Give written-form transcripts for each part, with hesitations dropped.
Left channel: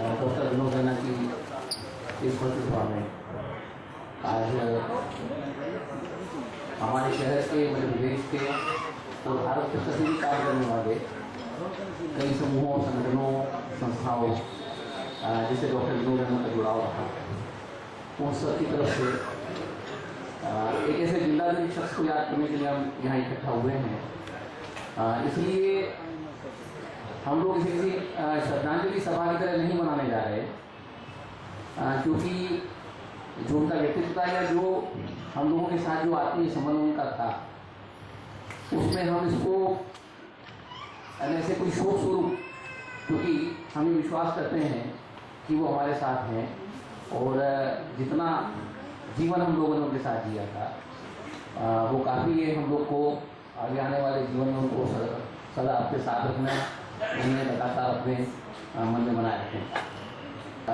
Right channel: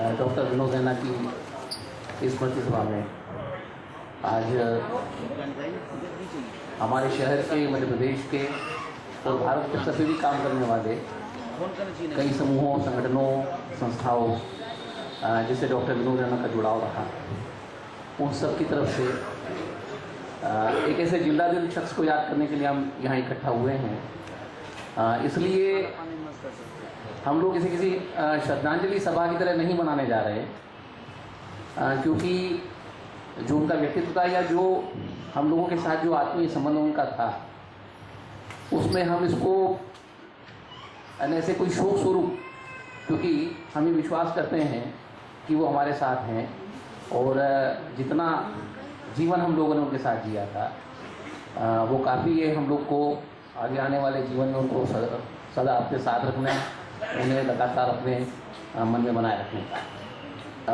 Doctor Vinod Raina की इस स्मृति सभा में आज हमारे शहर के, मध्य प्रदेश के और भारत के सभी भी काम करने वाले कई समूहों, संगठनों, संस्थाओं जिससे डॉक्टर विनोद रैना का जुड़ाव रहा, उन सब की तरफ से एक ऐसे जिंदादिल शख्स को याद करने के लिए हम यहाँ इकट्ठा हुए हैं। इसलिए हम लोग इसे किसी श्रद्धांजलि सभा की तरह नहीं मनाने जा रहे, क्योंकि जो उनका व्यक्तित्व था या जो हम लोगों के साथ जो आत्मीय संबंध उनका था, उसमें हम इसको ऐसे कोई शोक स्वरूप, क्योंकि हम ये विश्वास करते हैं कि वो हमारे साथ हैं और जितना जीवन हम लोगों ने उनके साथ जिया था वो काफ़ी है हम लोग को आगे आने वाले जीवन में उनको सदा अपने साथ रखना, उन्हें लगातार अपने मन में बनाए रखें।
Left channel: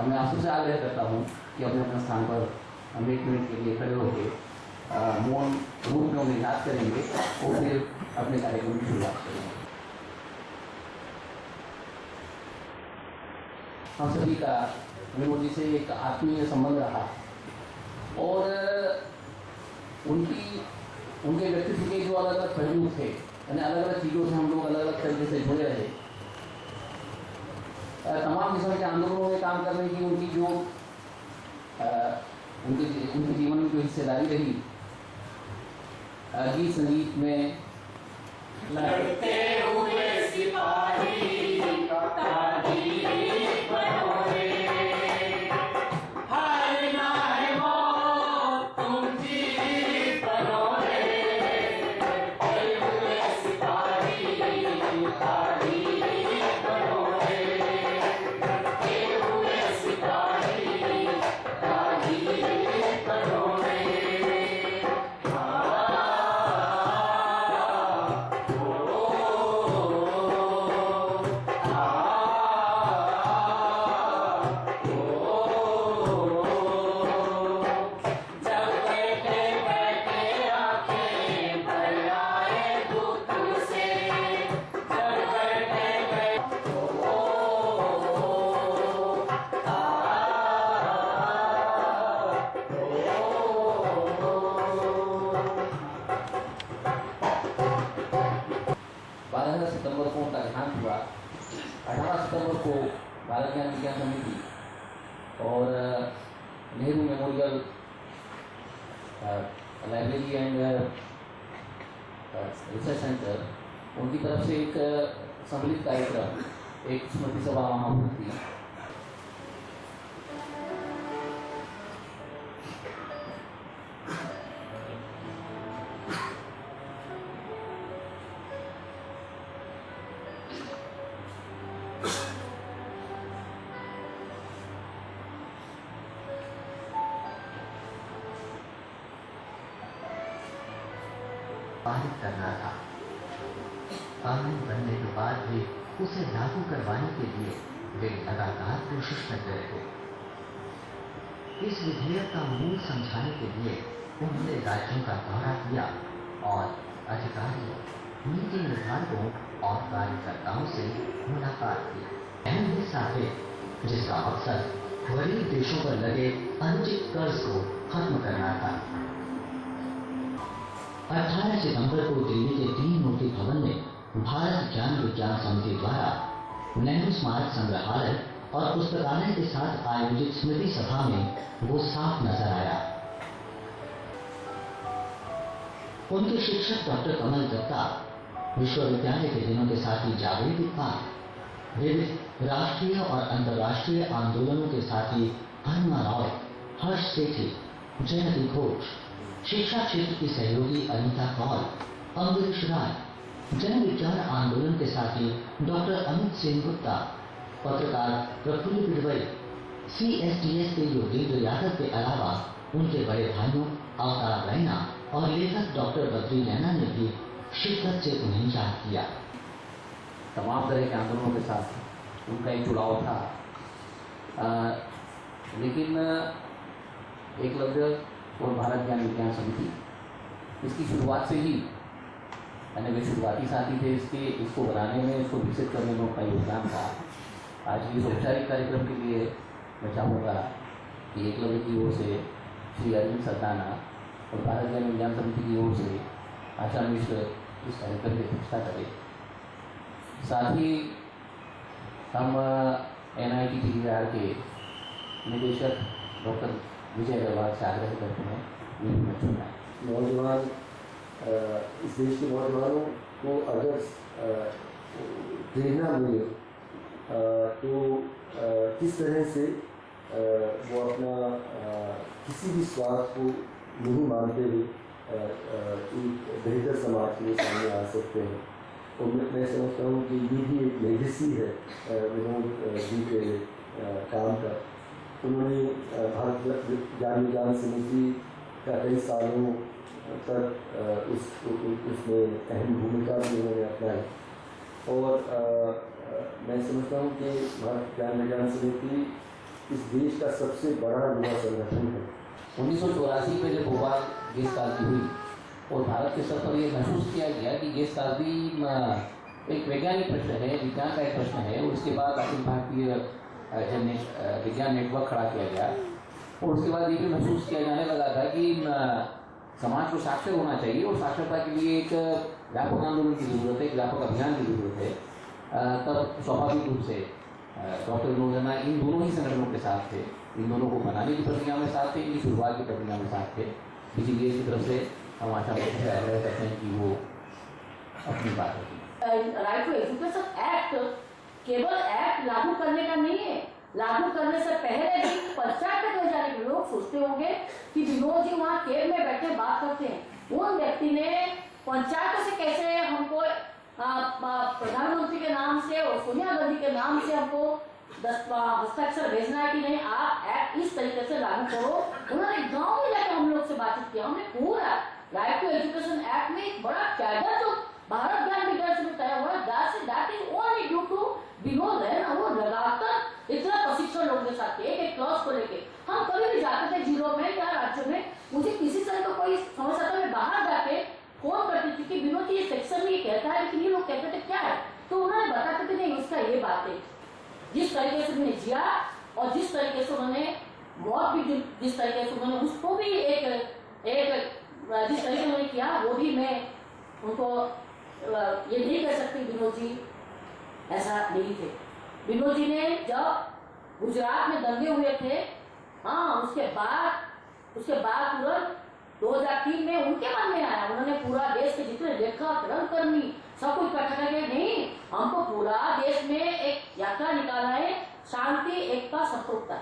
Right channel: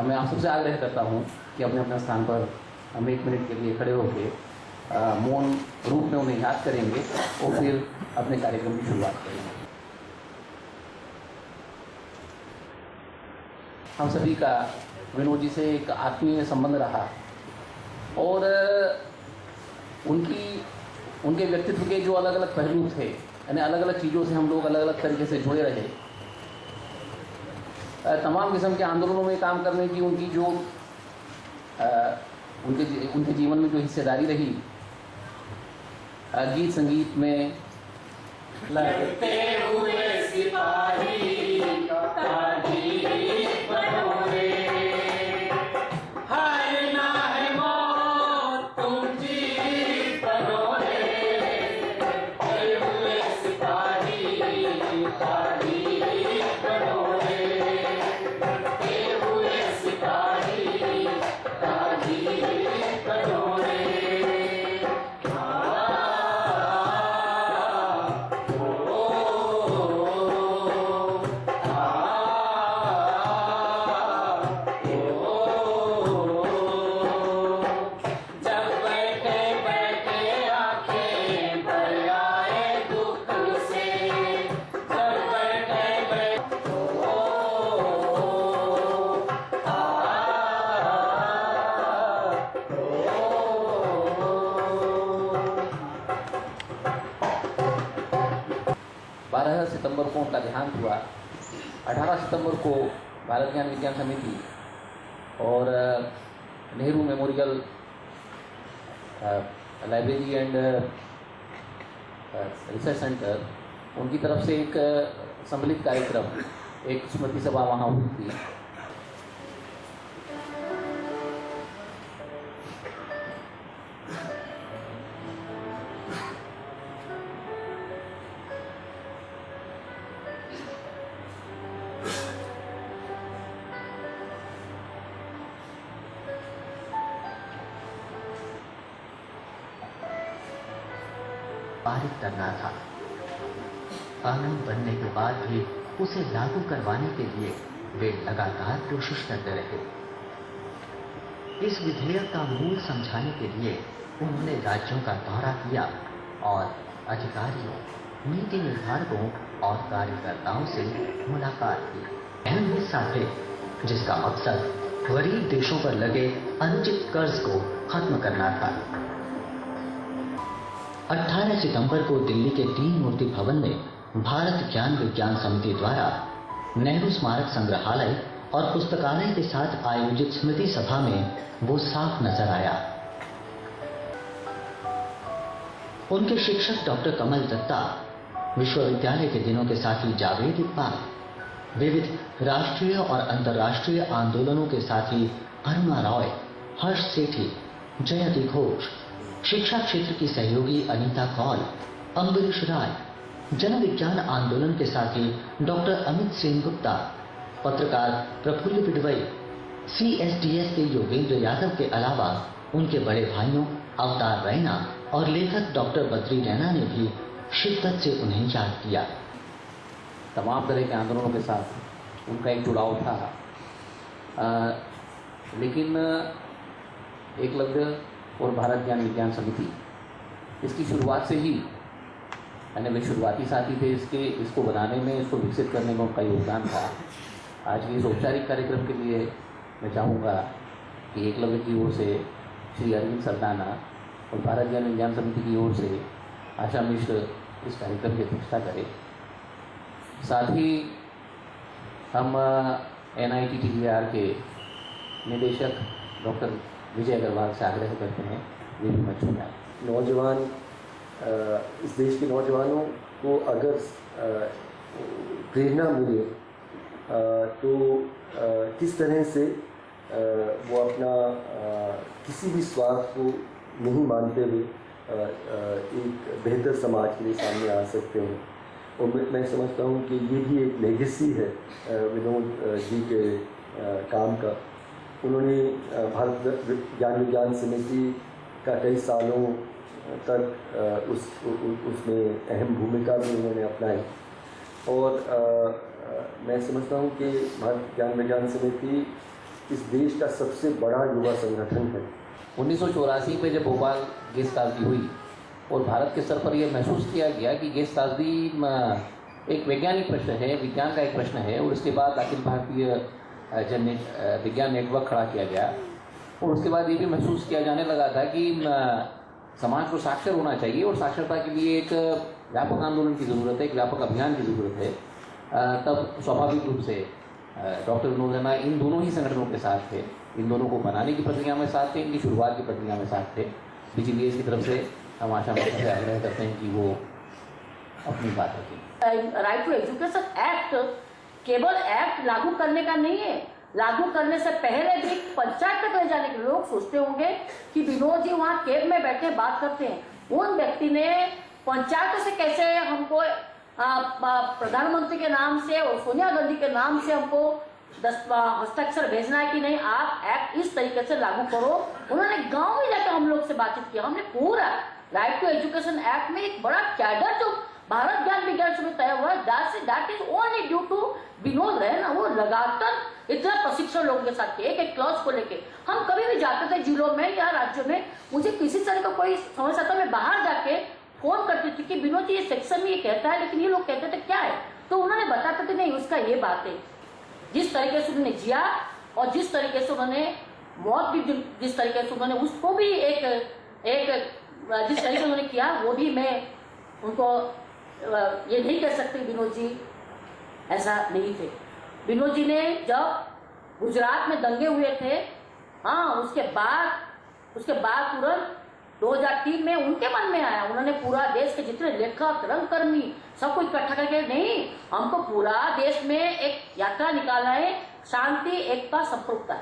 मैं आप सबसे आग्रह करता हूँ कि अपने अपने स्थान पर हम 1 मिनट के लिए खड़े होकर मौन रूप में उन्हें याद करेंगे और फिर अपने कार्यक्रम की शुरुआत करेंगे। हम सभी का विनोद जी से एक आत्मीय संबंध रहा और उनके व्यक्तित्व के जो अलग अलग पहलू थे, यानी अलग अलग चीज़ों से हम लोग अलग अलग तरीके से जुड़े रहे। तमाम किस्म के आंदोलनों में काम करने की उनकी जो उनके जीवन में जो हिस्सेदारी रही, गीत संगीत में लगते हुए सिपाही सितंबर को उनका देहांत हुआ। 18 सितंबर को भारत ज्ञान विज्ञान समिति और Nehru memorial library and research centre, उनकी तरफ से एक सम्मिलित कार्यक्रम, एक स्मृति सभा वहाँ हुई थी। पारित करना था। कानून बनने के बाद भी उसे लागू करवाने के लिए वे लगातार कोशिश करते रहे। इस विधेयक का मूल समझाने के लिए उन्होंने राज्यों का दौरा किया और अधिकारियों, नीति निर्धारकों और कार्यकर्ताओं से मुलाकात की। अहम हिस्सा थे जिसका मकसद गरीब देशों पर लगे अनुचित कर्ज को खत्म करना था। 18 सितंबर को दिल्ली के 3 मूर्ति भवन में भारत ज्ञान विज्ञान समिति द्वारा नेहरू स्मारक संग्रहालय और पुस्तकालय के साथ आयोजित स्मृति सभा में वो साफ नजर आया। उनके शिक्षक डॉक्टर कमल दत्ता, विश्वविद्यालय के दिनों के साथी जावेद इकबाल, विविध राष्ट्रीय और अंतर्राष्ट्रीय आंदोलनों के साथी अरुणा रॉय, हर्ष सेठी, जयति घोष, शिक्षा क्षेत्र की सहयोगी अनीता कौल, अम्बरीश राय, जन विज्ञान आंदोलन के साथी डॉक्टर अमित सेनगुप्ता, पत्रकार प्रफुल्ल बिडवई, CSDS के योगेंद्र यादव के अलावा उनके बड़े भाइयों अवतार रैना और लेखक डॉक्टर बद्री रैना ने भी शिद्दत से उन्हें याद किया। तमाम तरह के आंदोलनों के साथ उनका एक जुड़ाव था, लेकिन एकलव्य और भारत ज्ञान विज्ञान समिति, इसकी शुरुआत से ही, यानी वे शुरुआती साथी थे इसको बनाने में, इसको विकसित करने में उनका योगदान था। आज के इस औपचारिक कार्यक्रम के लिए मैं चाहूँगा कि एकलव्य की ओर से श्री अरविंद सरदाना और भारत ज्ञान विज्ञान समिति की ओर से आशा मिश्र इस कार्यक्रम की अध्यक्षता करें। साथ ही हम NITTER के निदेशक डॉक्टर विजय अग्रवाल से आग्रह करते हैं वे भी मंच में आए। नौजवान इस देश के नौजवानों को अगर प्रेरणा मिले तो किस तरह से वो अपना किसी भी स्वार्थ को नहीं मानते हुए एक बेहतर समाज के लिए सामने आ सकते हैं। और मैं समझता हूँ कि ये भी एक लेगेसी है विनोद जी के काम का। उन्होंने भारत ज्ञान विज्ञान समिति का कई सालों तक उसमें अहम भूमिका भी उन्होंने अपनाई और मैं समझता हूँ कि भारत ज्ञान विज्ञान समिति इस देश का सबसे बड़ा युवा संगठन है। 1984 में जब भोपाल गैस त्रासदी हुई और भारत के स्तर पर यह महसूस किया गया कि गैस त्रासदी एक वैज्ञानिक प्रश्न है, विज्ञान का एक प्रश्न है, और इसके बाद अखिल भारतीय विज्ञान नेटवर्क खड़ा किया गया और उसके बाद ये भी महसूस किया जाने लगा था कि समाज को साक्षर होना चाहिए और साक्षरता के लिए एक व्यापक आंदोलन की ज़रूरत है, एक व्यापक अभियान की ज़रूरत है। तब स्वाभाविक रूप से डॉक्टर विनोद रैना इन दोनों ही संगठनों के साथ थे, इन दोनों को बनाने की प्रक्रिया में साथ थे, इनकी शुरुआत की प्रक्रिया में साथ थे। DGDS की तरफ से हम आशा से आग्रह करते हैं कि वो अपनी बात रखें। राइट टू एजुकेशन एक्ट केवल एक्ट लागू करने का नहीं है, लागू करने से पहले भी पंचायत तक ले जाने के लोग सोचते होंगे कि विनोद जी वहाँ कैब में बैठे बात करते हैं। उन व्यक्ति ने पंचायत से कैसे हमको प्रधानमंत्री के नाम से और सोनिया गांधी के नाम से हमको हस्ताक्षर भेजना है कि नहीं आप एक्ट इस तरीके से लागू करो। उन्होंने गांव में जाकर हम लोग से बातचीत किया। हमने पूरा राइट टू एजुकेशन एक्ट में एक बड़ा कैडर जो भारत ज्ञान विज्ञान से तय हुआ है that is only due to Vinod Raina. वो लगातार इतना प्रशिक्षण लोगों के साथ एक एक क्लास को लेके हम कभी भी जाते थे जिलों में या राज्यों में, मुझे किसी तरह का कोई समस्या था मैं बाहर जाके फोन करती थी कि विनोद जी ये सेक्शन में ये कहता है, लेकिन ये लोग कहते थे क्या है, तो उन्होंने बताते थे नहीं उसका ये बात है। जिस तरीके से उन्होंने जिया और जिस तरीके से उन्होंने मौत भी जिस तरीके से उन्होंने उसको भी एक जिस तरीके से उन्होंने किया वो भी मैं उनको ये नहीं कह सकती विनोद जी ऐसा नहीं थे। विनोद जी ने जब गुजरात में दंगे हुए थे, हाँ उसके बाद तुरंत 2003 में उनके मन में आया, उन्होंने पूरा देश के जितने लेखक रंगकर्मी सब कुछ इकट्ठा करके नहीं हमको पूरा देश में एक यात्रा निकालना है शांति एकता संप्रभुता।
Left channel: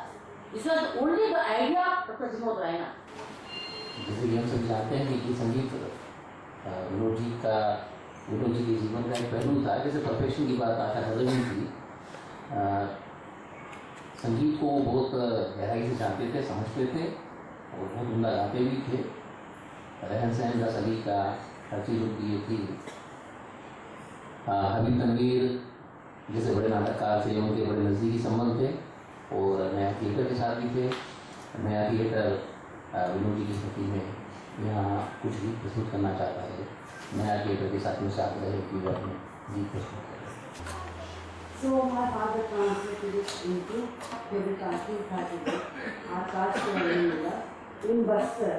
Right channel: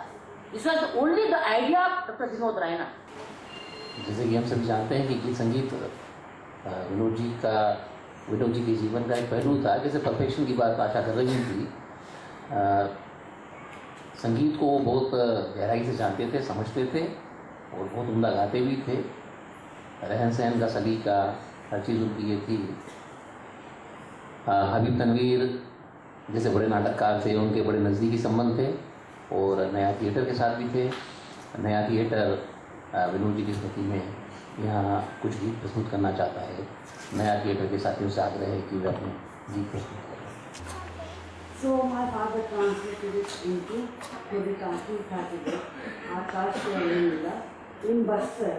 This was only the idea of doctor Vinod Raina. जैसे कि हम सभी जानते हैं कि गीत संगीत विनोद जी के जीवन का एक पहलू था। जैसे परफेक्शन की बात आशा कर रही थी, संगीत को बहुत गहराई से जानते थे, समझते थे और बहुत उम्दा गाते भी थे। रहन सहन का, सलीका, हर चीज़ उनकी ये थी। हबीब तनवीर जैसे बड़े नाटककार थे, उनके बड़े नज़दीकी संबंध थे और नया थिएटर के साथ भी थे। नया थिएटर विनोद जी की स्मृति में यहाँ कुछ गीत प्रस्तुत करना चाहता है। नया थिएटर के साथियों से आग्रह है कि वे अपने गीत प्रस्तुत करें। So my father translated it into Devikati Thakur, Akash Ravindra in Bastar.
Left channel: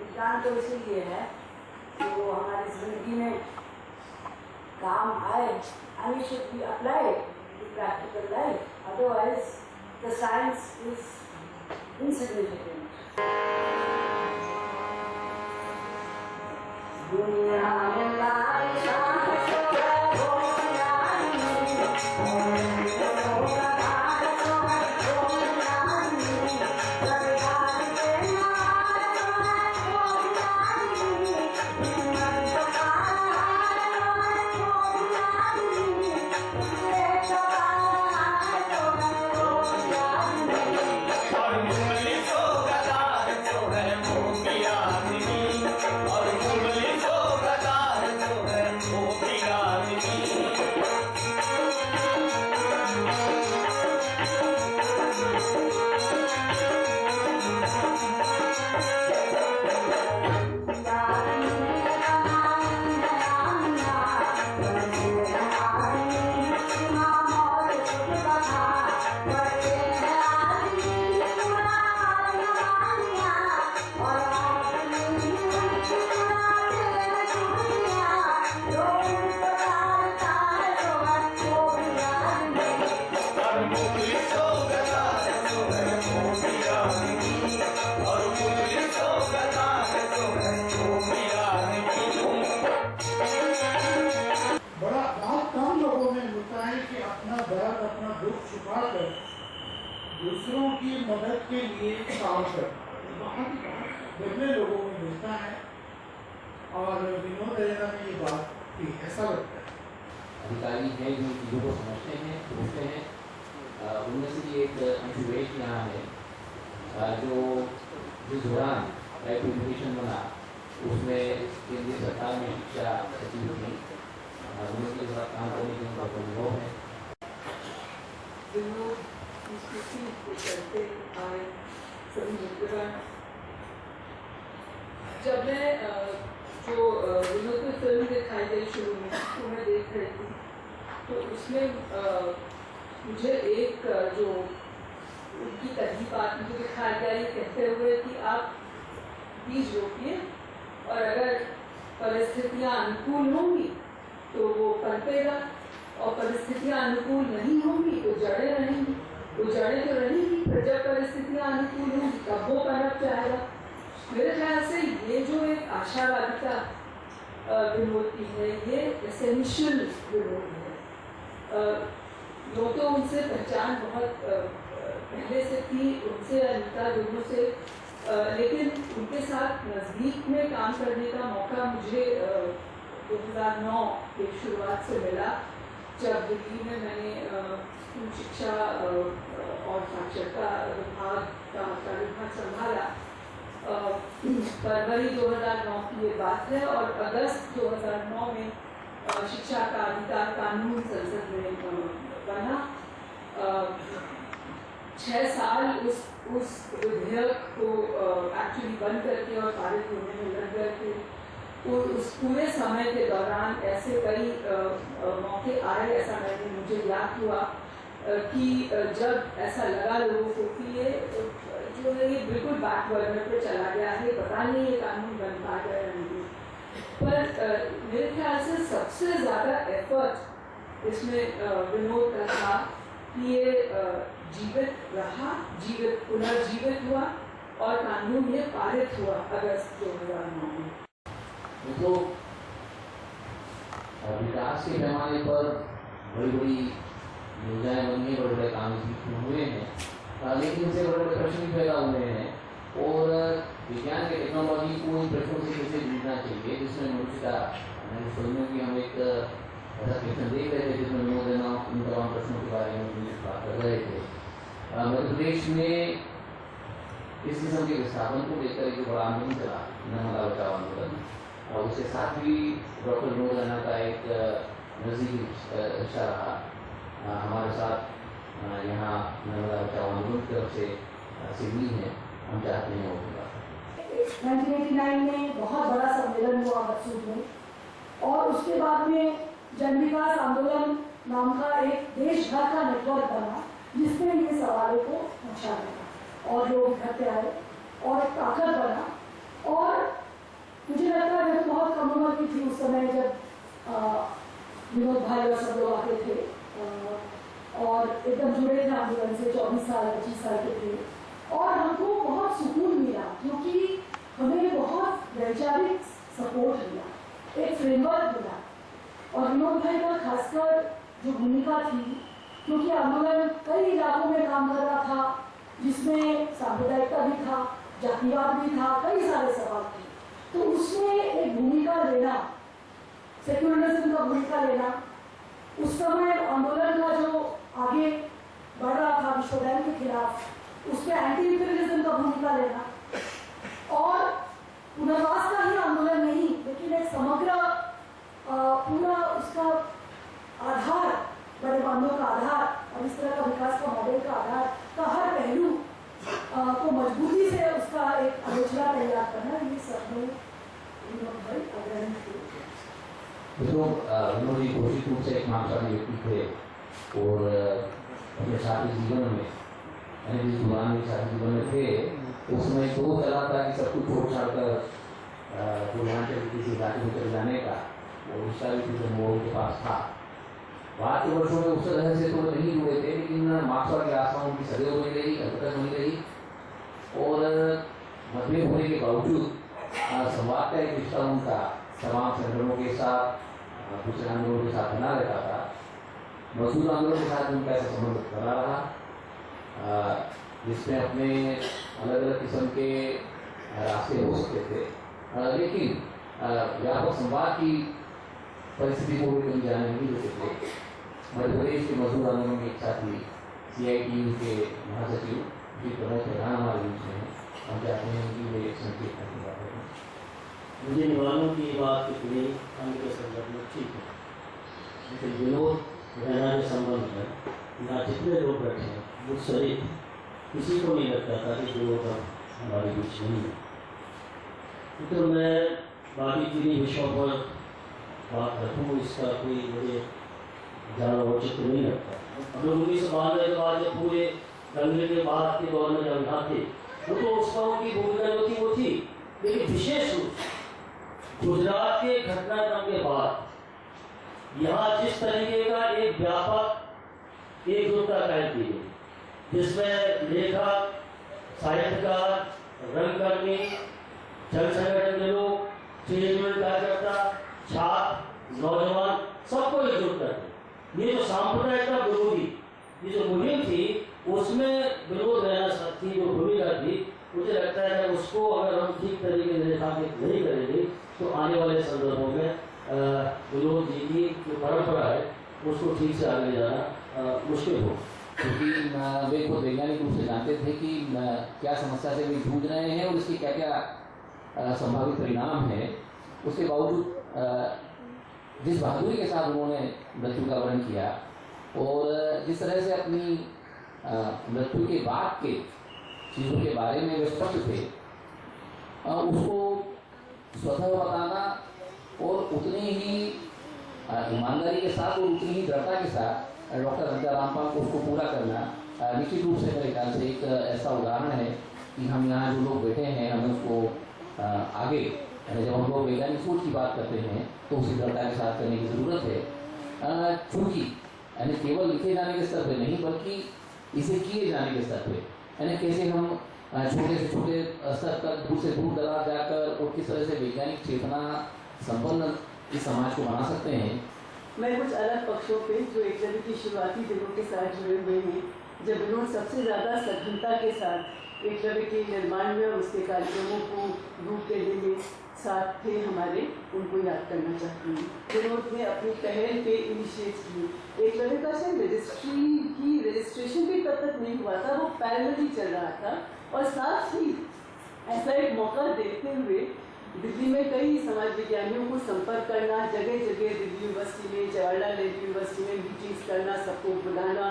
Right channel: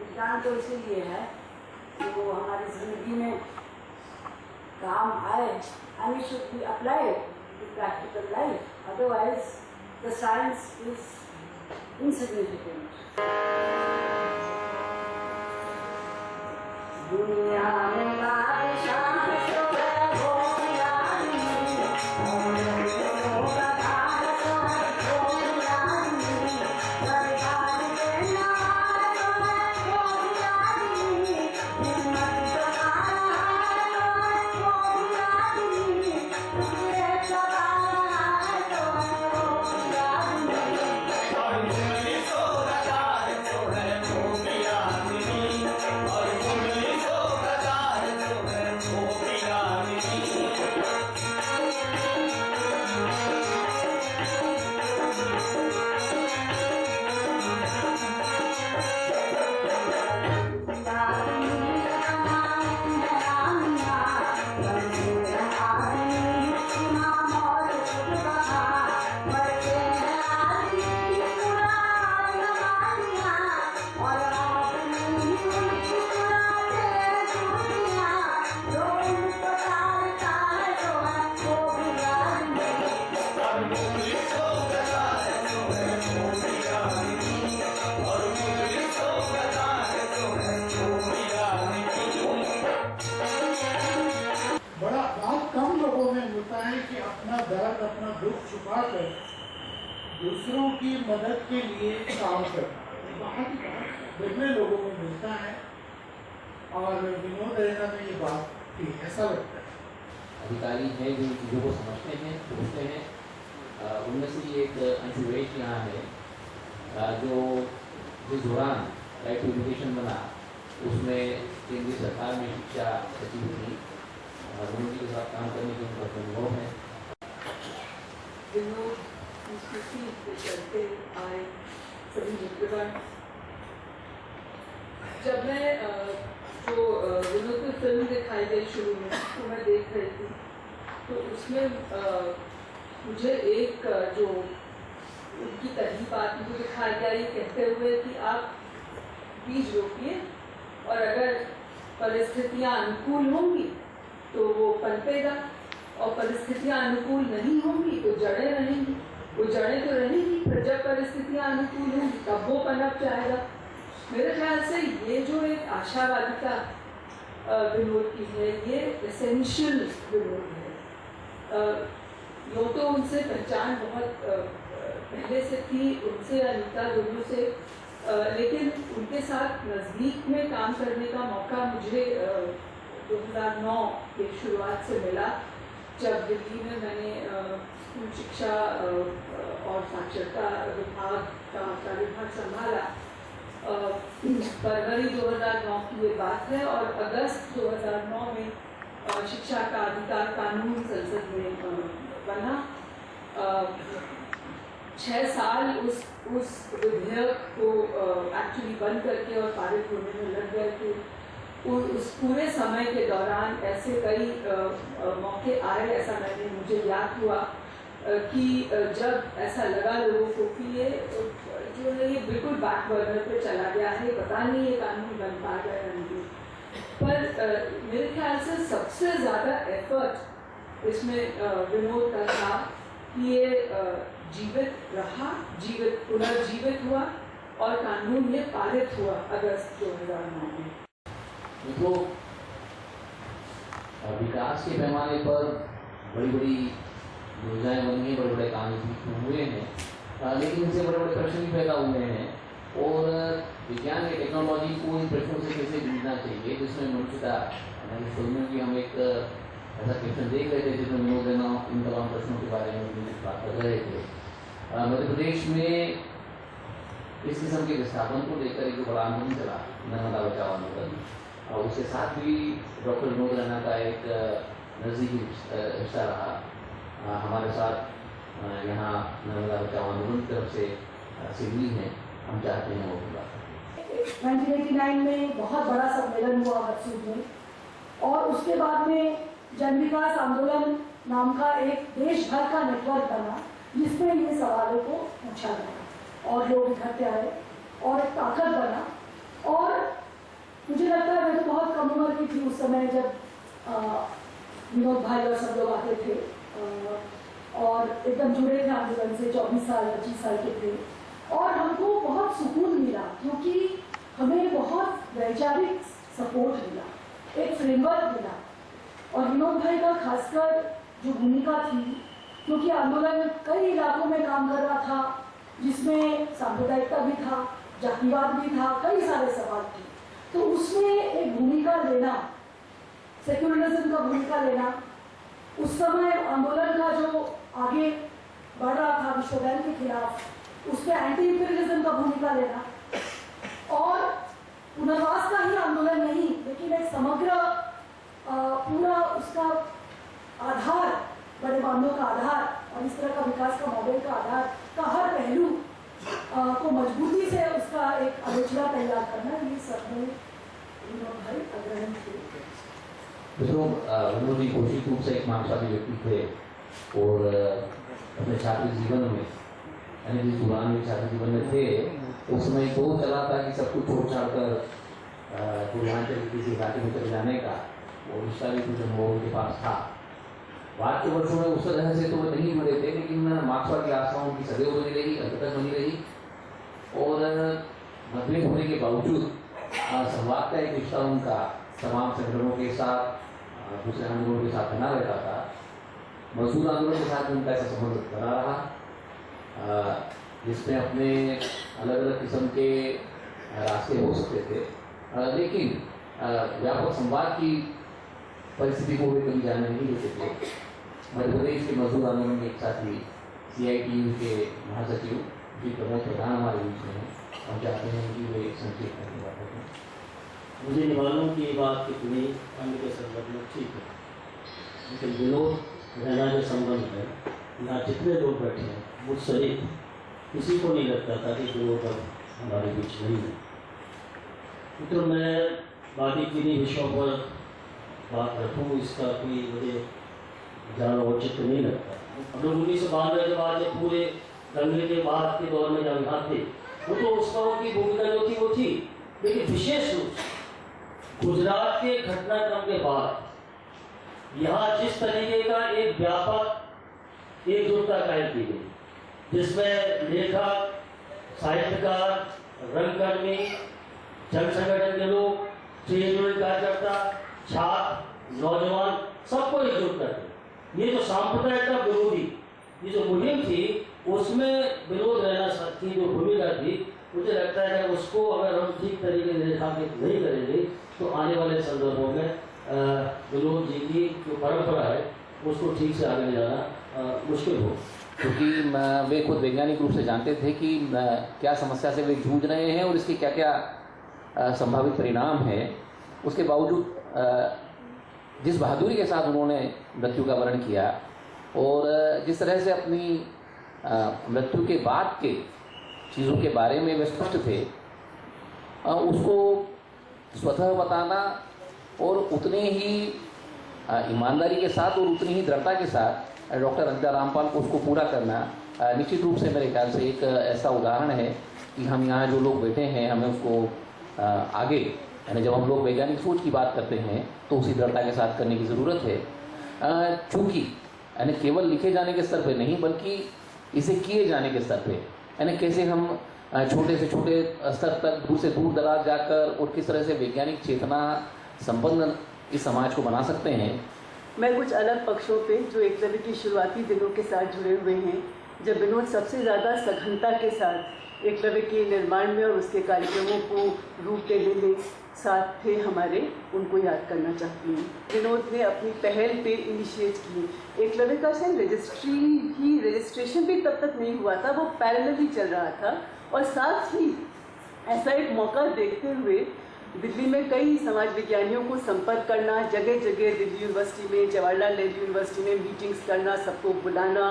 विज्ञान तो इसीलिए है कि वो हमारी जिंदगी में काम आए and it should be applied to practical life. Otherwise, the science is insignificant. दुनिया में बादशाह अपना दुख छुपाकर दूसरों की मदद के लिए काम करना बहुत दुर्लभ लोगों में मिलता है और विनोद रैना में ये बात थी, ऐसा लगता है। अधिकारी हैं जो चीज़ों को समझते हैं सोचते हैं, उनमें से एक अंशुवेश यहाँ है जो जिस दौरान राइट टू एजुकेशन बना उसमें केंद्रीय सरकार में शिक्षा सचिव थी, उनके साथ काम करने की उनका अनुभव है। विनोद संस्कृति के चलते आए सभी मित्रगण। जब मैं जो विनोद की फिल्म दिखाई गई शुरू में तो मैं देख रही थी, तो उसमें मुझे एक जो उनकी तहरीर बात मुझे दिखाया गया ये कहते हुए कि आप बीज रोपिए और अगर परिस्थितियाँ अनुकूल होंगी तो वो पनपेगा और परिस्थितियाँ अनुकूल नहीं होंगी तो जड़ें रहेंगी, वो जड़ें तो रहेंगी पर जब परिस्थितियाँ अनुकूल होंगी तब वो पनप जाएगा। मेरे ख्याल से ये जो एक आशावादिता विनोद की है ये एसेंशियल विनोद है। यूँ तो उनसे पहचान बहुत पहले से थी, उनसे अनीता दोनों से, लेकिन उनके साथ नज़दीक में काम करने का मौका मुझे 2009 के शुरुआत से मिला, जब दिल्ली में मैंने स्कूल शिक्षा और साक्षरता विभाग का कार्यभार संभाला। फरवरी 2009 की ये बात है और अगस्त 2009 में शिक्षा का अधिकार कानून संसद में बना। 6 साल उस विधेयक को एक्चुअली बंद करके और पारित होने में लग गए थे। उस पूरे समय के दौरान ऐसे कई मौके आए, ऐसा मुझे याद हुआ कि जब ऐसा लगा लोगों को कि ये जो है ये बिल्कुल बैक बर्नर पर चला गया है, पता नहीं ये कानून बन पाएगा या नहीं। पर मेरे ख्याल से सबसे ज़्यादा एफर्ट इसमें विनोद का था कि ये जीवित रहा, पुनर्जीवित हुआ और कानून ये पारित हुआ अगस्त 2009 में। तो विकास के पैमाने पर बड़ी बड़ी योजनाएं बनी हैं, बड़े बड़े काम हुए हैं, लेकिन इनसे बड़े बड़े प्रश्न भी पैदा हुए हैं और विज्ञान की टेक्नोलॉजी को इन प्रश्नों से कैसे जूझना चाहिए, जिसमें मनुष्यता फिल्मों की हम एक ऐसा क्वेश्चन देख रहे थे जिसमें विनोद रैना इन तमाम प्रश्नों के बारे में बात कर रहे थे। मध्य प्रदेश में इस किस्म के विस्थापन को लेकर एक बड़ा आंदोलन चला, नर्मदा बचाओ आंदोलन, और उसके साथ भी डॉक्टर विनोद रैना का एक नज़दीकी रिश्ता रहा। हमारे साथ यहाँ नर्मदा बचाओ आंदोलन की तरफ से सिडनी है, हम चाहते हैं वो 1989 में बहुत बड़ा सम्मेलन हुआ मकसूद में, और उसके बाद में जन विकास आंदोलन नाम का एक देश भर का नेटवर्क बना जिसमें ये सवालों को पूछा गया और लोग इकट्ठे आए और एक ताकत बना और मुझे लगता है मैं तो बहुत कम उम्र की थी उस समय जब विनोद भाई और सब लोग आते थे और एकदम जुड़े थे आंदोलन से, 24 साल 25 साल के थे और हमको बहुत सुकून मिला क्योंकि हमें बहुत वैचारिक सपोर्ट मिला, एक फ्रेमवर्क मिला। और विनोद भाई का खासकर जो भूमिका थी, क्योंकि आंदोलन कई इलाकों में काम कर रहा था जिसमें सांप्रदायिकता भी था, जातिवाद भी था, कई सारे सवाल थे, तो उसमें एक भूमिका लेना, सेक्युलरिज्म का भूमिका लेना, उस समय आंदोलन का जो आगे बढ़ रहा था विश्व बैंक के खिलाफ, उसके एंटी इंपीरियलिज्म का भूमिका लेना और पुनर्वास का ही आंदोलन नहीं लेकिन एक समग्र पूरा उसका आधार, बड़े बांधों का आधार और इस तरह का विकास का मॉडल का आधार का हर पहलू को मजबूती से उसका एक आलोचना तैयार करना, ये सब में विनोद भाई अग्रणी थे। विनोद जी घोषित रूप से एक मार्क्सवादी व्यक्ति थे और अपने छात्र जीवन में, यानी जिस दौरान में छात्र जीवन में थे उस समय तो चला था कि सब कुछ छोड़ छाड़ कर पूर्वांचल किसी घाटी में चले जाने का और उसका भी कुछ अनुभव उनके पास था। बाद के वर्षों में उस तरह से तो वो नहीं जुड़े थे, लेकिन मार्क्सवादी आस्थाओं की सदैव बनी रही, अंत तक बनी रही और मतभेद होने के बावजूद संवाद का एक रिश्ता उनका तमाम संगठनों के साथ, दूसरे आंदोलनों के साथ बना रहता था। मजदूर आंदोलन के साथ उनका ऐसा संबंध बना रहा जिसमें अपने अलग अलग किस्म के रास्ते हो सकते थे, लेकिन व्यापक संवाद की परिस्थिति को भी कभी जाने नहीं देते थे। मध्य प्रदेश के मजदूर आंदोलन के एक साथी CITU के महासचिव जी प्रमोद प्रधान हमारे बीच में हैं, हम चाहते हैं कि वे संक्षेप में बात करें। मुझे निवारणों की बात कितनी अन्य के संदर्भ में ठीक है, लेकिन विनोद रैना के संबंध में यहाँ जितने लोग बैठे हैं मुझ सहित किसी को नहीं लगता था कि विनोद अब हमारे बीच नहीं है। तो मैं बाकी किन्हीं विषयों पर बात रखूँ, इसका कोई मुझे ज़्यादा औचित्य नहीं लगता। हम लोग 1992 के बाद जब पूरे दंगे के बाद के दौर में जब यहाँ थे वो तो उस पर उनकी भूमिका जो थी वो थी, लेकिन विशेष रूप से गुजरात के घटनाक्रम के बाद यहाँ जिस तरीके का एक व्यापक एकजुटता कायम की गई, जिसमें लेखक, साहित्यकार, रंगकर्मी, जन संगठन के लोग, ट्रेड यूनियन कार्यकर्ता, छात्र, नौजवान सबको एकजुट करके ये जो सांप्रदायिकता विरोधी ये जो मुहिम थी उसमें विनोद रैना की जो भूमिका थी, मुझे लगता है कि उसको अगर हम ठीक तरीके से रेखांकित नहीं करेंगे तो आने वाले संदर्भों में विनोद जी की जो परंपरा है उसको ठीक से आगे ले जाना मुश्किल हो, क्योंकि वे खुद वैज्ञानिक रूप से जानते थे कि क्या समस्या से वे जूझ रहे हैं और इसके क्या क्या संभावित परिणाम हैं। उसके बावजूद जिस बहादुरी के साथ उन्होंने मृत्यु का वर्ण किया और जिस तरह से अपनी मृत्यु के बाद के चीज़ों के बारे में वे स्पष्ट थे, उसको स्वतः बताना और उतने ही ईमानदारी के साथ और उतनी ही दृढ़ता के साथ डॉक्टर अनिता रामपाल को उसको पूरा करना निश्चित रूप से मेरे ख्याल से एक ऐसा उदाहरण है कि हम यहाँ जो लोग बैठे हैं हमें उसको आगे, यानी जब हम लोग वैज्ञानिक सोच की बात करते हैं तो उसी दृढ़ता के साथ करने की ज़रूरत है, चूँकि यानी केवल लिखे जाने के स्तर पे नहीं बल्कि इसे किए जाने के स्तर पे, यानी कैसे हम छोटे से छोटे स्तर तक दूर से दूर दराज जाकर और किस तरह से वैज्ञानिक चेतना संपन्न इस समाज को बना सकते हैं। मैं कुछ अलग पक्षों पे जो एकलव्य की शुरुआती दिनों के साथ जुड़े हुए हैं, जब विनोद सबसे ज़्यादा सघनता के साथ एकलव्य के निर्माण में और उसके कार्यक्रमों को रूप देने में साथ थे हमारे, उनको याद करना चाहती हूँ। विनोद ने अपनी पहल पे इनिशिएट की एकलव्य का शायद रजिस्ट्रेशन भी तब तक नहीं हुआ था, वो पैरेलल ही चल रहा था और साथ ही ऐसा एक मौका देखते हुए दिल्ली में कई समाज विज्ञानियों को संपर्क करना, जगह जगह दिल्ली यूनिवर्सिटी में, जवाहरलाल नेहरू यूनिवर्सिटी में मीटिंग्स करना, सबको बुलाना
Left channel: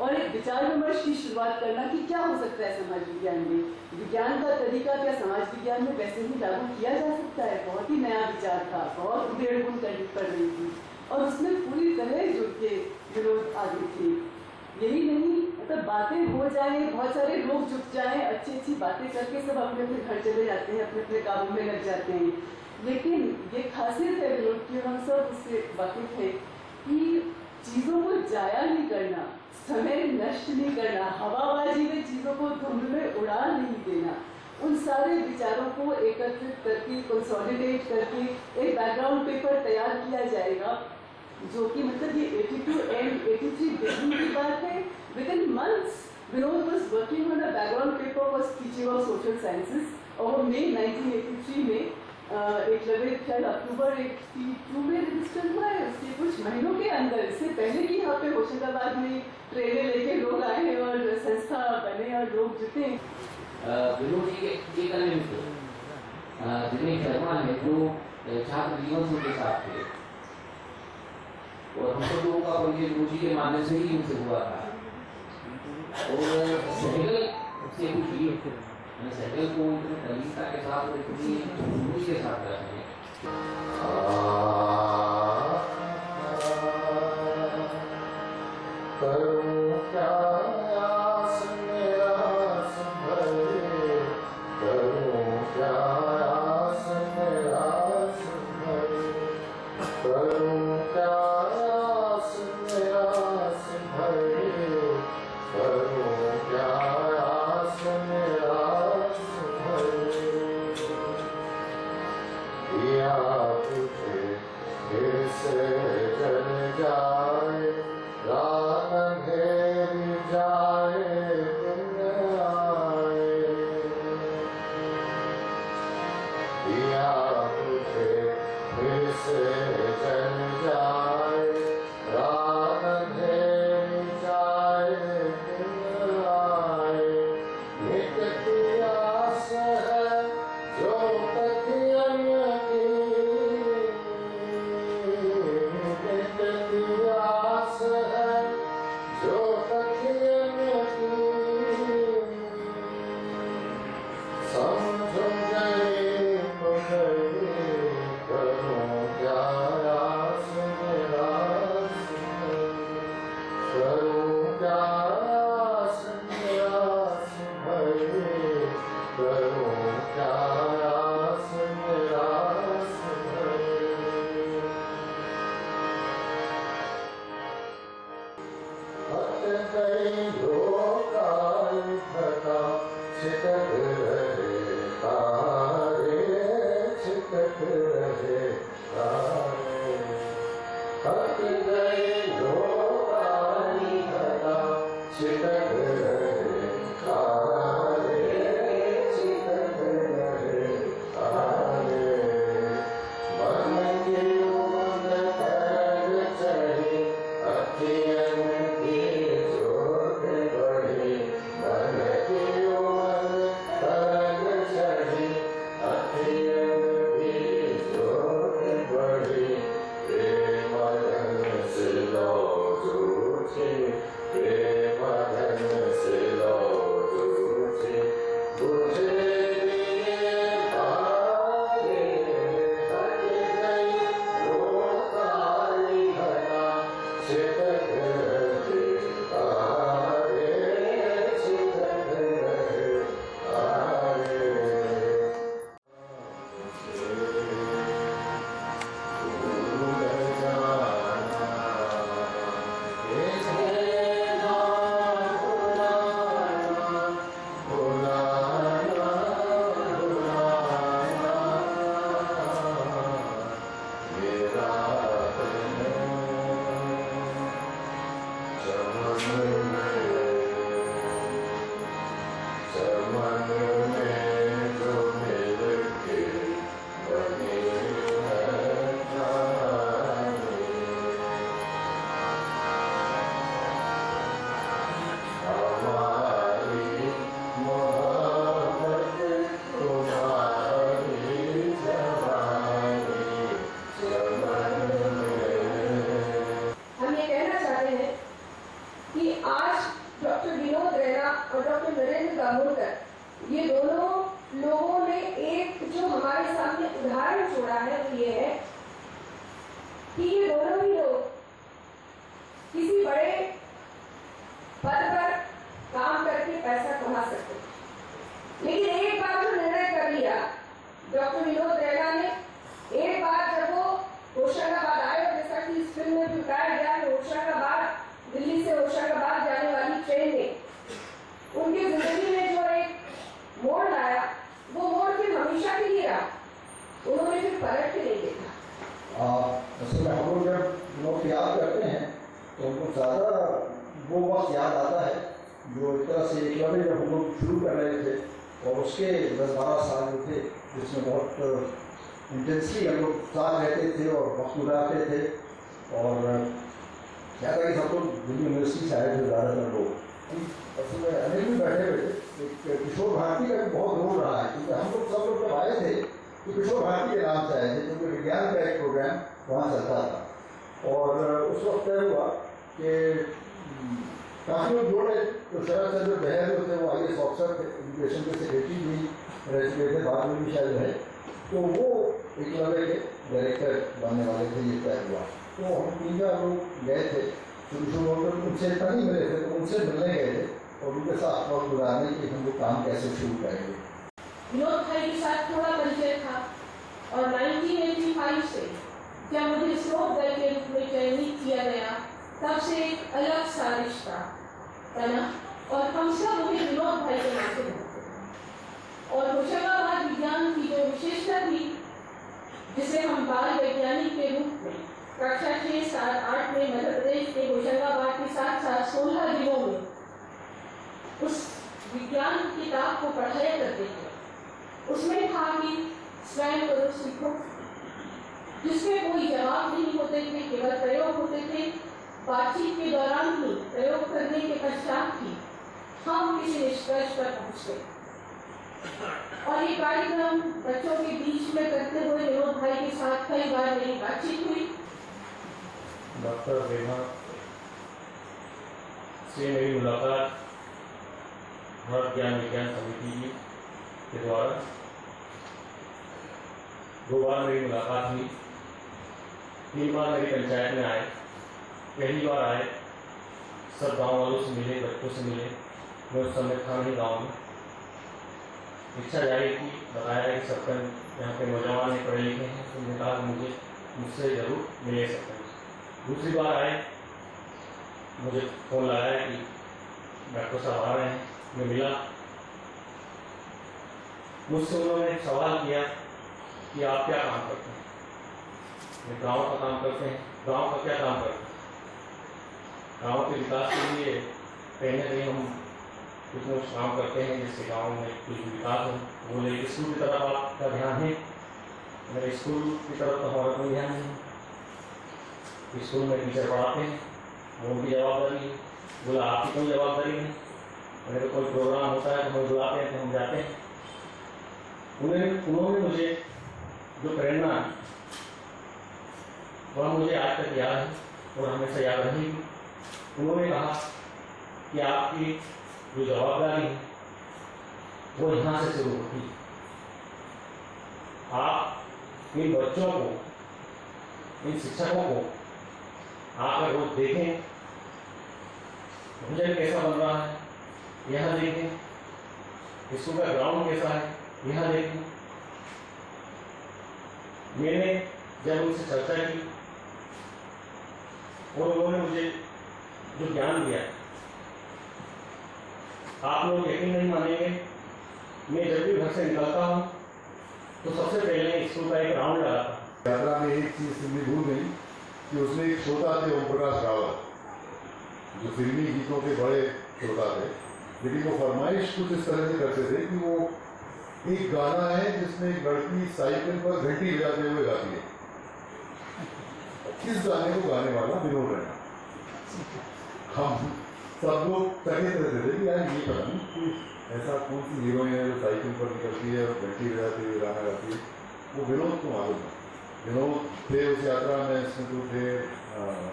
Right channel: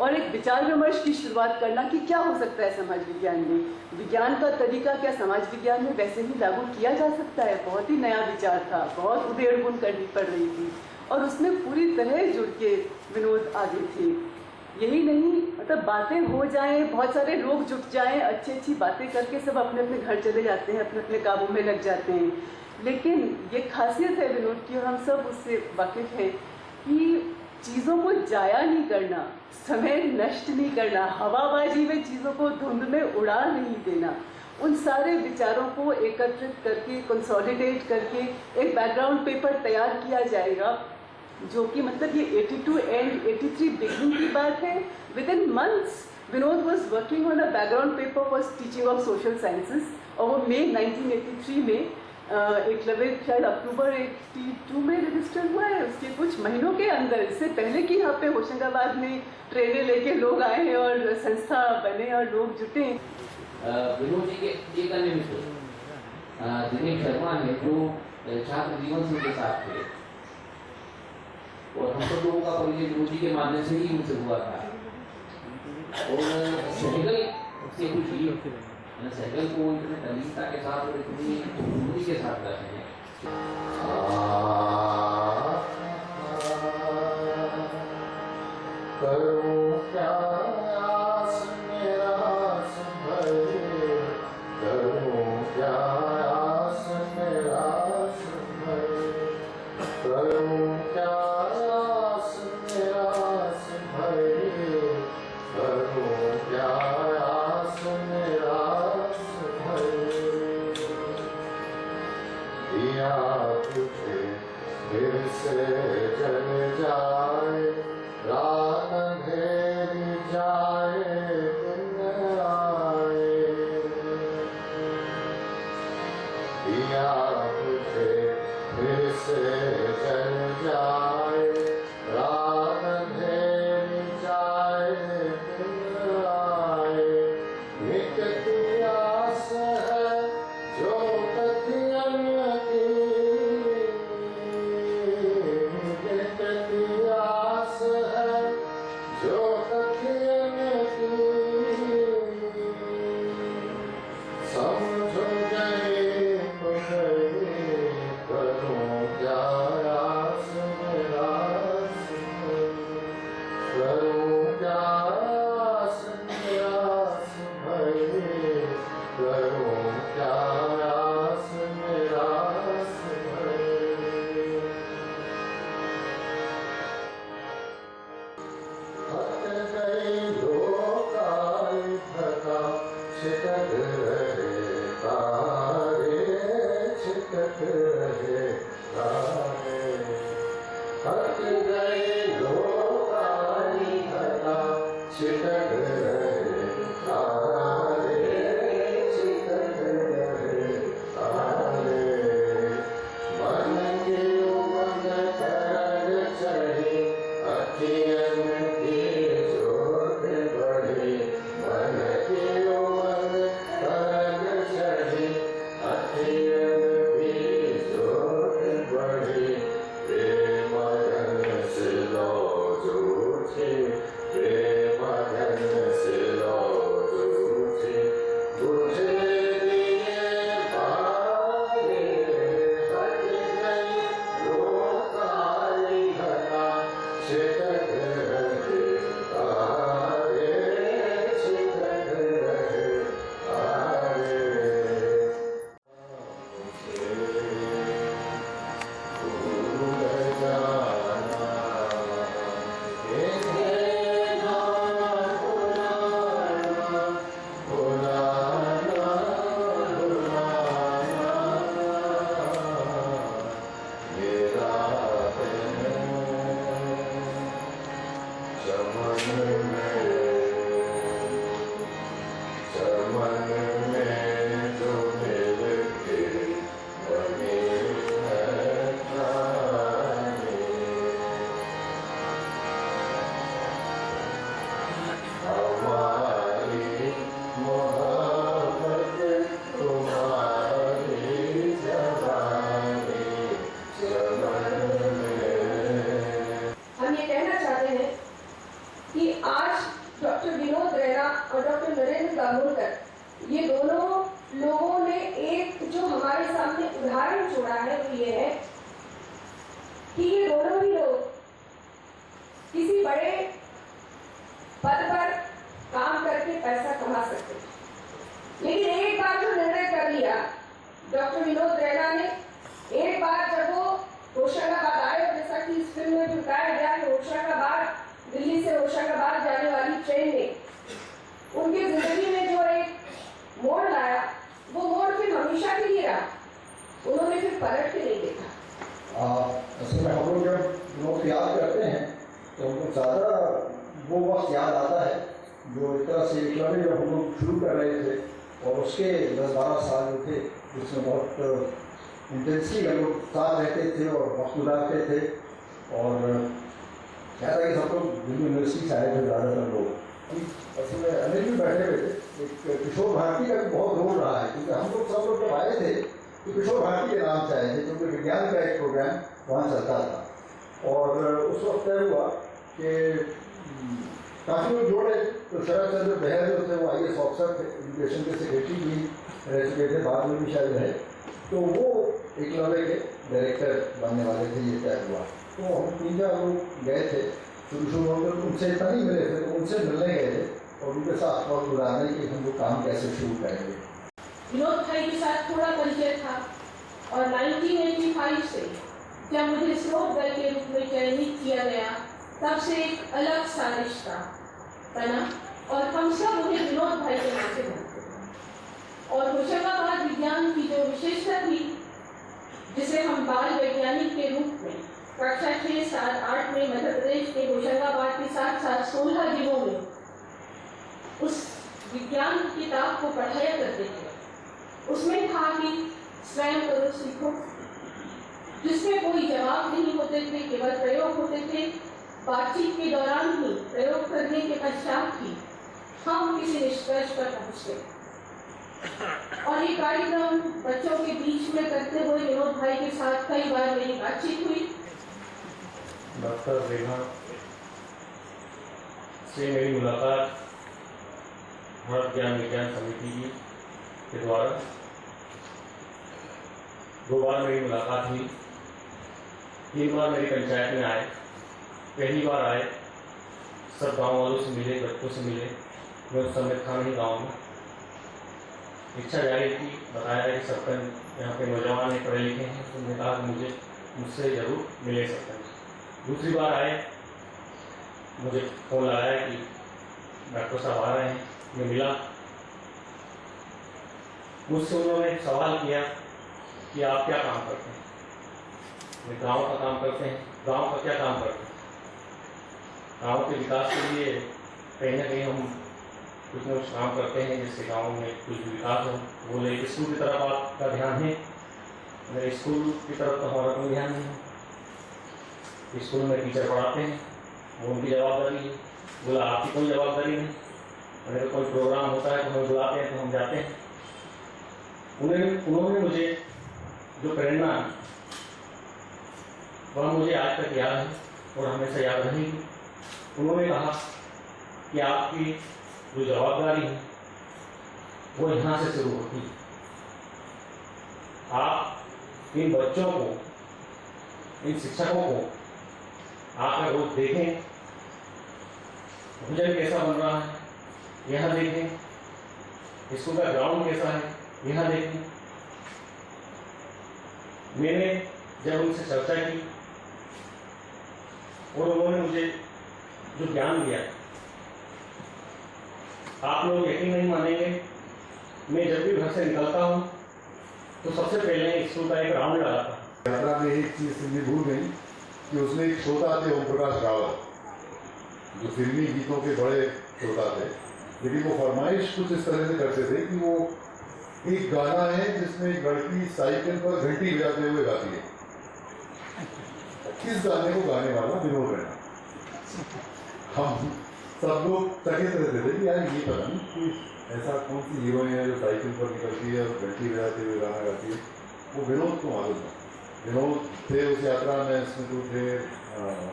और एक विचार विमर्श की शुरुआत करना कि क्या हो सकता है समाज विज्ञान में, विज्ञान का तरीका क्या समाज विज्ञान में वैसे ही लागू किया जा सकता है। बहुत ही नया विचार था, बहुत उधेड़ बुन करनी पड़ रही थी और उसमें पूरी तरह जुड़ के विनोद आगे थे। यही नहीं, मतलब बातें हो जाएं, बहुत सारे लोग जुट जाएं, अच्छी अच्छी बातें करके सब अपने अपने घर चले जाते हैं, अपने अपने कामों में लग जाते हैं। लेकिन ये खासियत है विनोद की, हम सब उससे वाकिफ हैं कि चीज़ों को जाया नहीं करना, समय नष्ट नहीं करना, हवाबाजी में चीज़ों को धुंध में उड़ा नहीं देना, उन सारे विचारों को एकत्रित करके, कंसोलिडेट करके एक बैकग्राउंड पेपर तैयार किया जाएगा, जो कि मतलब ये 82 एंड 83 बिगिनिंग की बात है। With in months Vinod was working on a background paper for teaching of social sciences, और वो मई 1983 में एकलव्य शायद अक्टूबर 82 में रजिस्टर हुआ है। उसके कुछ महीनों के अंदर, इससे पहले कि यहाँ पे होशंगाबाद में ट्रेनें लेके लोग आए हैं और संस्था बने और लोग जुटे। विनोद जी के एक अन्य मित्र दिनेश शर्मा ने, जो छात्र जीवन से उनके साथ थे, और हम सब लोगों का परिचय विनोद जी के माध्यम से ही उनसे हुआ था। और सहगल से कुछ सहगल को इतनी तल्लीनता के साथ और इतनी जुनून के साथ करते हैं। लेकिन एक बार जो निर्णय कर लिया डॉक्टर विनोद रैना ने, एक बार जब वो होशंगाबाद आए, और जैसा कि इस फिल्म में भी बताया गया कि होशंगाबाद, दिल्ली से होशंगाबाद जाने वाली ट्रेन ने उनकी जिंदगी में जो एक मोड़ लाया, वो मोड़ फिर हमेशा के लिए रहा। उन्होंने फिर पलट के नहीं देखा। असल में हम लोग जब लोग याद करते हैं तो हमको ज़्यादा वो वक्त याद आता है जो एक तरह से एकलव्य जब हम लोग शुरू कर रहे थे और उसके 10-12 साल जो थे जिसमें बहुत इंटेंसली हम लोग साथ रहते थे और वक्त गुजारते थे। और क्या था कि सब लोग दिल्ली यूनिवर्सिटी से आए थे ज़्यादातर लोग। असल में अनिल भी बैठे हुए थे। एक किशोर भारती का भी बहुत रोल रहा है क्योंकि हम लोग सब लोग जब आए थे तो किशोर भारती के नाम से आए थे क्योंकि विज्ञान का एक प्रोग्राम वहाँ चलता था। और उस वक्त तय हुआ कि काफ़ी लोग जोड़े तो शरद चंद्र बहर जो थे वो IAS ऑफिसर थे, एजुकेशन के सेक्रेटरी भी रह चुके थे, बाद में भी शायद रहे, तो वो एकलव्य के डायरेक्टर बनने वाले थे। ये तय हुआ तो हम 3-4 लोग गए थे। शुरू होकर उनसे इतना नहीं मिले थे तो उनसे मिलने गए थे और उनके साथ वक्त गुजारने कि हम लोग काम कैसे शुरू करेंगे। विनोद भाई के साथ थोड़ा परिचय था और 1985 से जब मुझे स्रोत दल के रूप में चयनित किया गया तब से एक अलग सा रिश्ता बना और हम सब मुझे विनोद भाई के नाम से जानते हैं। और होशंगाबाद विज्ञान की जो विशेषता थी, जिसे हम बाल वैज्ञानिक के रूप में कक्षा 6, 7, 8 में मध्य प्रदेश के होशंगाबाद के साथ 16 जिलों में उस विज्ञान किताब को पढ़ाया करते थे। उसमें था कि स्वयं करो सीखो, जिसमें कोई जवाब नहीं होते थे, केवल प्रयोग होते थे। बातचीत के दौरान ही, प्रयोग करने के पश्चात ही हम किसी निष्कर्ष पर पहुंचते। और ये कार्यक्रम बच्चों के बीच में करते हुए विनोद भाई के साथ कई बार मेरी बातचीत हुई। डॉक्टर रेना से मेरी मुलाकात भारत ज्ञान विज्ञान समिति के द्वारा 2 बार मेरी मुलाकात हुई। 3 बार मेरी पंचायत में आए। पहली बार आए, सब गांव वालों से मिले, बच्चों से मिले। मैं उस समय था नहीं गाँव में। इच्छा जारी थी, बताया कि सरपंच यहाँ के नौजवान हैं, पढ़े लिखे हैं, तो उन्होंने कहा कि मुझसे ज़रूर मिले सरपंच। दूसरी बार आए, मुझे फ़ोन लगाया कि डॉक्टर साहब आ रहे हैं। मैं मिला, मुझसे उन्होंने सवाल किया कि आप क्या काम करते हैं। मैं गाँव का काम करते हैं। गाँव का क्या काम करते हैं? गाँव के विकास के लिए कहीं ना कहीं हम कुछ न कुछ काम करते हैं जिससे गाँव में कुछ विकास हो। बोले स्कूल की तरफ आपका ध्यान है? मेरे स्कूल की तरफ तो हमारा कोई ध्यान नहीं है। स्कूल में टीचर पढ़ाते हैं, वो उनकी जवाबदारी है। बोला आपकी कोई जवाबदारी नहीं। अगर कोई प्रोग्राम होता है तो हमें बुलाते हैं तो हम जाते हैं। उन्होंने मुझे जो प्रेरणा वह मुझे आज तक याद है और हमेशा याद रहेगी। उन्होंने कहा कि आपकी जो जवाबदारी है वो यहाँ से शुरू होती है। आप इन बच्चों को, इन शिक्षकों को आकर रोज देखें, भोजन कैसा बन रहा है यह देखें, स्कूल का ग्राउंड कैसा है यह देखें। मैंने जब उनसे चर्चा की और उन्होंने मुझे जो ज्ञान दिया, आप लोग यकीन नहीं मानेंगे, मैं जब भी घर से निकलता हूँ तो सबसे पहले स्कूल का एक राउंड लगाता। यात्रा में एक चीज सुननी भूल गई कि उसमें एक श्रोता थे ओम प्रकाश रावत, जो फिल्मी गीतों के बड़े श्रोता थे, लेकिन वो फरमाइश कुछ इस तरह से करते थे कि वो एक गाना है जिसमें एक लड़की साइकिल पर घंटी बजाते हुए गाती है। इस गाने को गाने वाला विनोद रैना। हम सब लोग चकित रहते थे कि यार ये पता नहीं कि ऐसा कौन सी हीरोइन है जो साइकिल पर निकलती है और घंटी बजाते हुए गाना गाती है। वो विनोद को मालूम है। विनोद थे उस यात्रा में, इसमें तो थे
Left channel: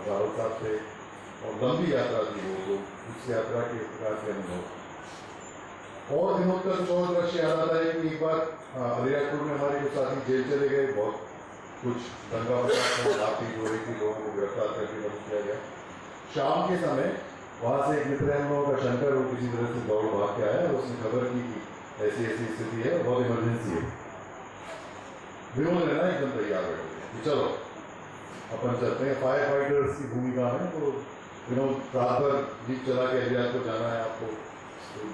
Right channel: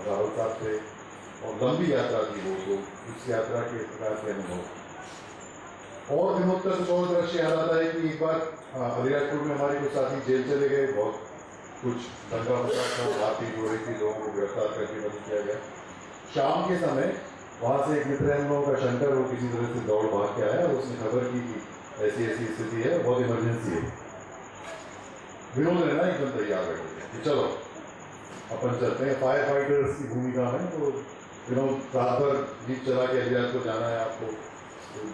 राहुल साहब थे और लंबी यात्रा थी वो, तो उस यात्रा के प्रकार के अनुभव। और विनोद का तो और दृश्य याद आता है कि एक बार अलीराजपुर में हमारे कुछ साथी जेल चले गए, बहुत कुछ दंगा फसाद था, आर्थिक हो रही थी, लोगों को गिरफ्तार करके बंद किया गया। शाम के समय वहाँ से एक मित्र है हम लोगों का, शंकर, वो किसी तरह से दौड़ भाग के आया और उसने खबर की कि ऐसी ऐसी स्थिति है, बहुत इमरजेंसी है। विनोद रैना एकदम तैयार बैठे हुए हैं कि चलो अपन चलते हैं। फायर फाइटर्स की भूमिका में तो विनोद रात भर जीप चला के एलियात को जाना है आपको,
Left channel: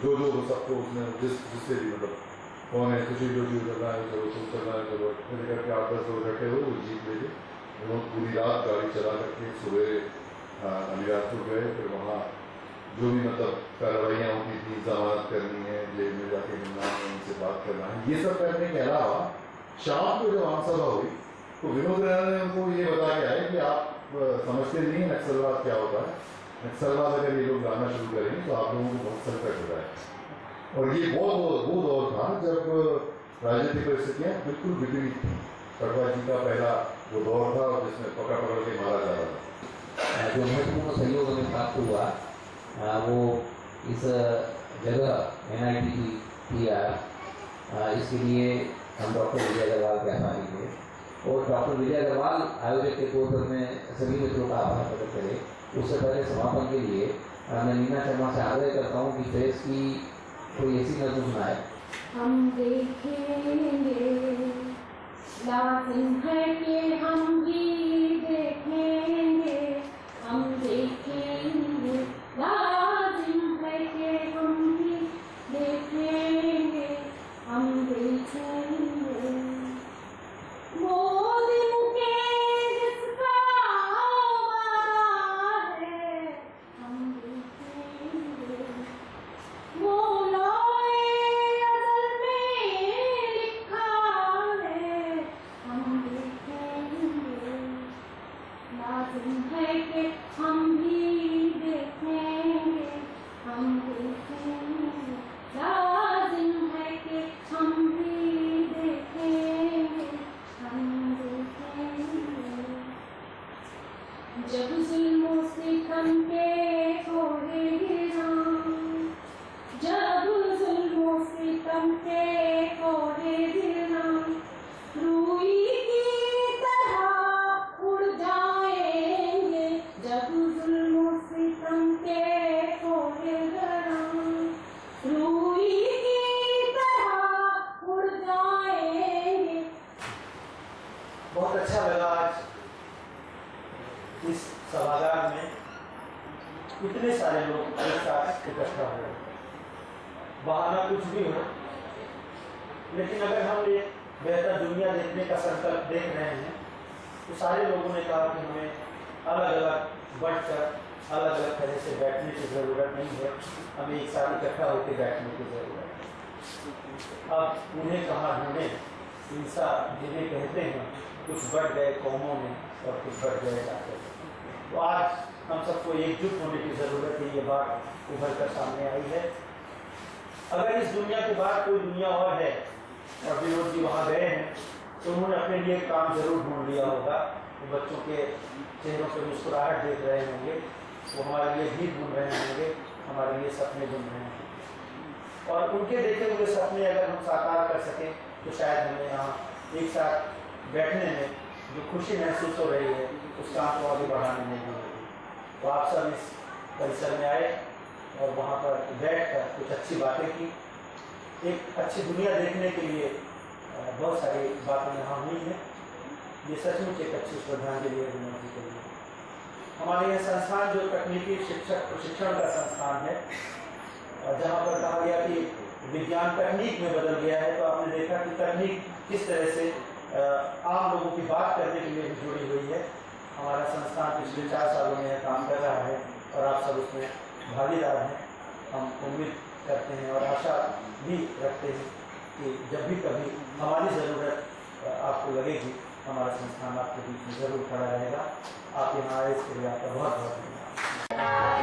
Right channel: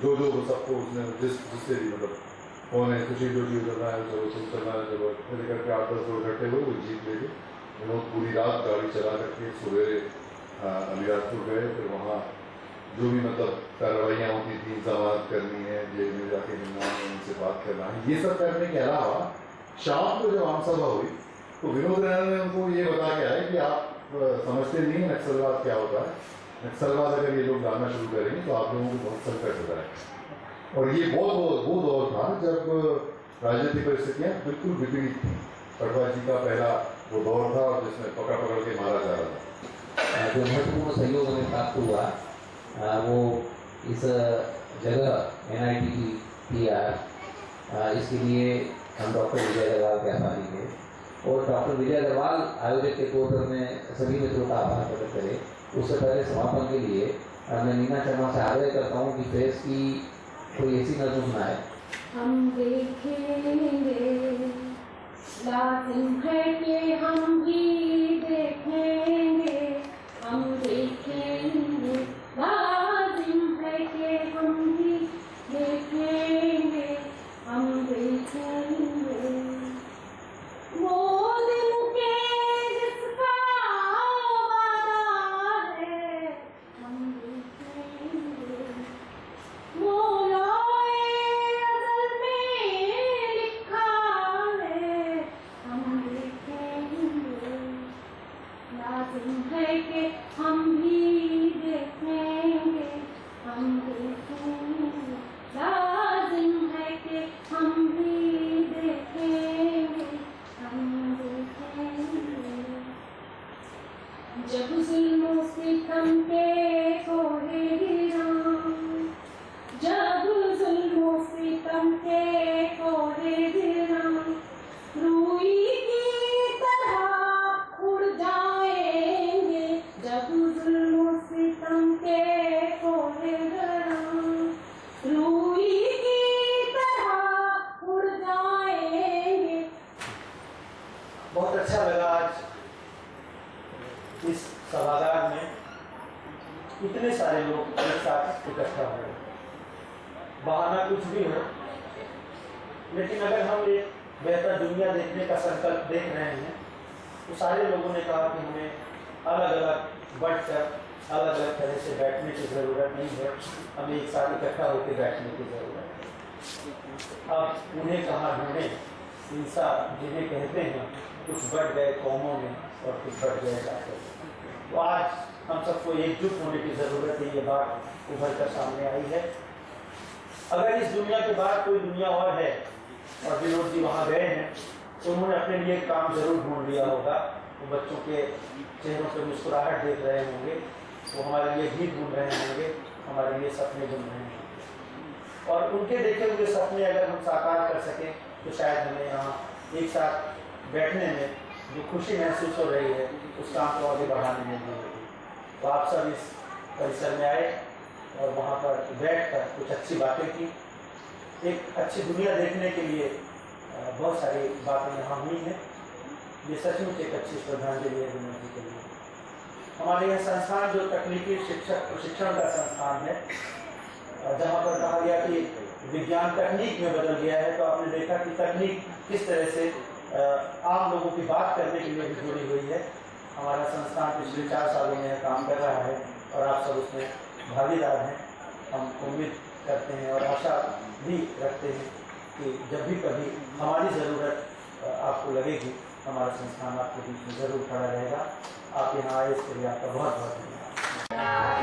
जो सबको उसने जिससे भी मतलब कौन है खुशी जो चीज करना है चलो सब चलना है चलो फिर करके 8-10 लोग इकट्ठे हुए वो जीप लेके विनोद पूरी रात गाड़ी चला करके सवेरे अलीराजपुर गए। फिर वहाँ जो भी मतलब कार्रवाइयाँ होती थी, जमानत करनी है, जेल में जाके मिलना है, उनसे बात करना है, ये सब करने के अलावा शाम को जब आमसभा हुई तो विनोद रैना ने उनको ये बता के आए कि आप समझते नहीं है नक्सलवाद क्या होता है, नक्सलवाद अगर ये लोग लाना शुरू करेंगे तो आप लोगों को बहुत संकट हो जाएगा। और ये वो दौर था जब राजनीतिक परिस्थितियाँ बिल्कुल विपरीत थी। पटवा जी का पहला वो दौर था जिसमें पकड़ के मारा जा रहा था। जो महत्वपूर्ण सहयोग हमें प्राप्त हुआ वो इस जगह NIT इसके लिए हम डॉक्टर विजय अग्रवाल के आभारी थे और डॉक्टर विजय अग्रवाल आयोजक के तौर पर मैं सभी मित्रों का आभार प्रकट करें। उससे पहले समापन के लिए मैं नीना शर्मा से आग्रह करता हूँ कि प्रेस की कोई ऐसी नज़म सुनाए। हम देखेंगे, लाजिम है कि हम भी देखेंगे, हम देखेंगे, लाजिम है कि हम भी देखेंगे, हम देखेंगे वो दिन के जिसका वादा है, हम देखेंगे वो लौहे अज़ल में लिखा है, हम देखेंगे, लाज़िम है कि हम भी देखेंगे, हम देखेंगे, लाज़िम है कि हम भी देखेंगे, हम देखेंगे जब ज़ुल्म सितम के कोहे गिरा, जब ज़ुल्म सितम के कोहे गिरा, रूई की तरह उड़ जाएंगे, जब ज़ुल्म सितम के कोहे गिरा, रूई की तरह उड़ जाएंगे। बहुत अच्छा लगा आज इस सभागार में इतने सारे लोग एक साथ इकट्ठा हुए। बहाना कुछ भी हो, लेकिन अगर हम ये बेहतर दुनिया देखने का संकल्प देख रहे हैं तो सारे लोगों ने कहा कि हमें अलग अलग बढ़कर अलग अलग तरह से बैठने की ज़रूरत नहीं है, हमें एक साथ इकट्ठा होकर बैठने की ज़रूरत है। अब उन्हें कहाँ ढूंढें, इंसान जिन्हें कहते हैं कुछ बढ़ गए कौमों में और कुछ बढ़ गए जाकर। तो आज हम सबको एकजुट होने की ज़रूरत है, ये बात उभर कर सामने आई है। अगर इस दुनिया के बाद कोई दुनिया और है और विनोद जी वहाँ गए हैं तो उन्होंने अपने लिए काम जरूर ढूंढ लिया होगा। वो बच्चों के चेहरों पर मुस्कुराहट देख रहे होंगे, वो हमारे लिए गीत ढूंढ रहे होंगे, हमारे लिए सपने ढूंढ रहे होंगे। और उनके देखे हुए सपने अगर हम साकार कर सकें तो शायद हमें यहाँ एक साथ बैठने में जो खुशी महसूस हो रही है उस काम को आगे बढ़ाने में भी होगी। तो आप सब इस परिसर में आए और वहाँ पर बैठकर कुछ अच्छी बातें की। एक अच्छी दुनिया देखने के लिए बहुत सारी बातें यहाँ हुई हैं। ये सचमुच एक अच्छी श्रद्धांजलि है विनोद जी के लिए। हमारे यहाँ संस्थान जो तकनीकी शिक्षक प्रशिक्षण का संस्थान है, जहाँ पर कहा गया कि विज्ञान तकनीक में बदल गया है, तो आपने देखा कि तकनीक किस तरह से आम लोगों की बात करने के लिए भी जुड़ी हुई है। हमारा संस्थान पिछले 4 सालों में यह काम कर रहा है और आप सब उसमें भागीदार हैं। हम उम्मीद करते हैं और आशा भी रखते हैं कि जब भी कभी हमारी ज़रूरत आपको लगेगी, हमारा संस्थान आपके बीच में ज़रूर खड़ा रहेगा। आप यहाँ आए इसके लिए आपका बहुत बहुत धन्यवाद।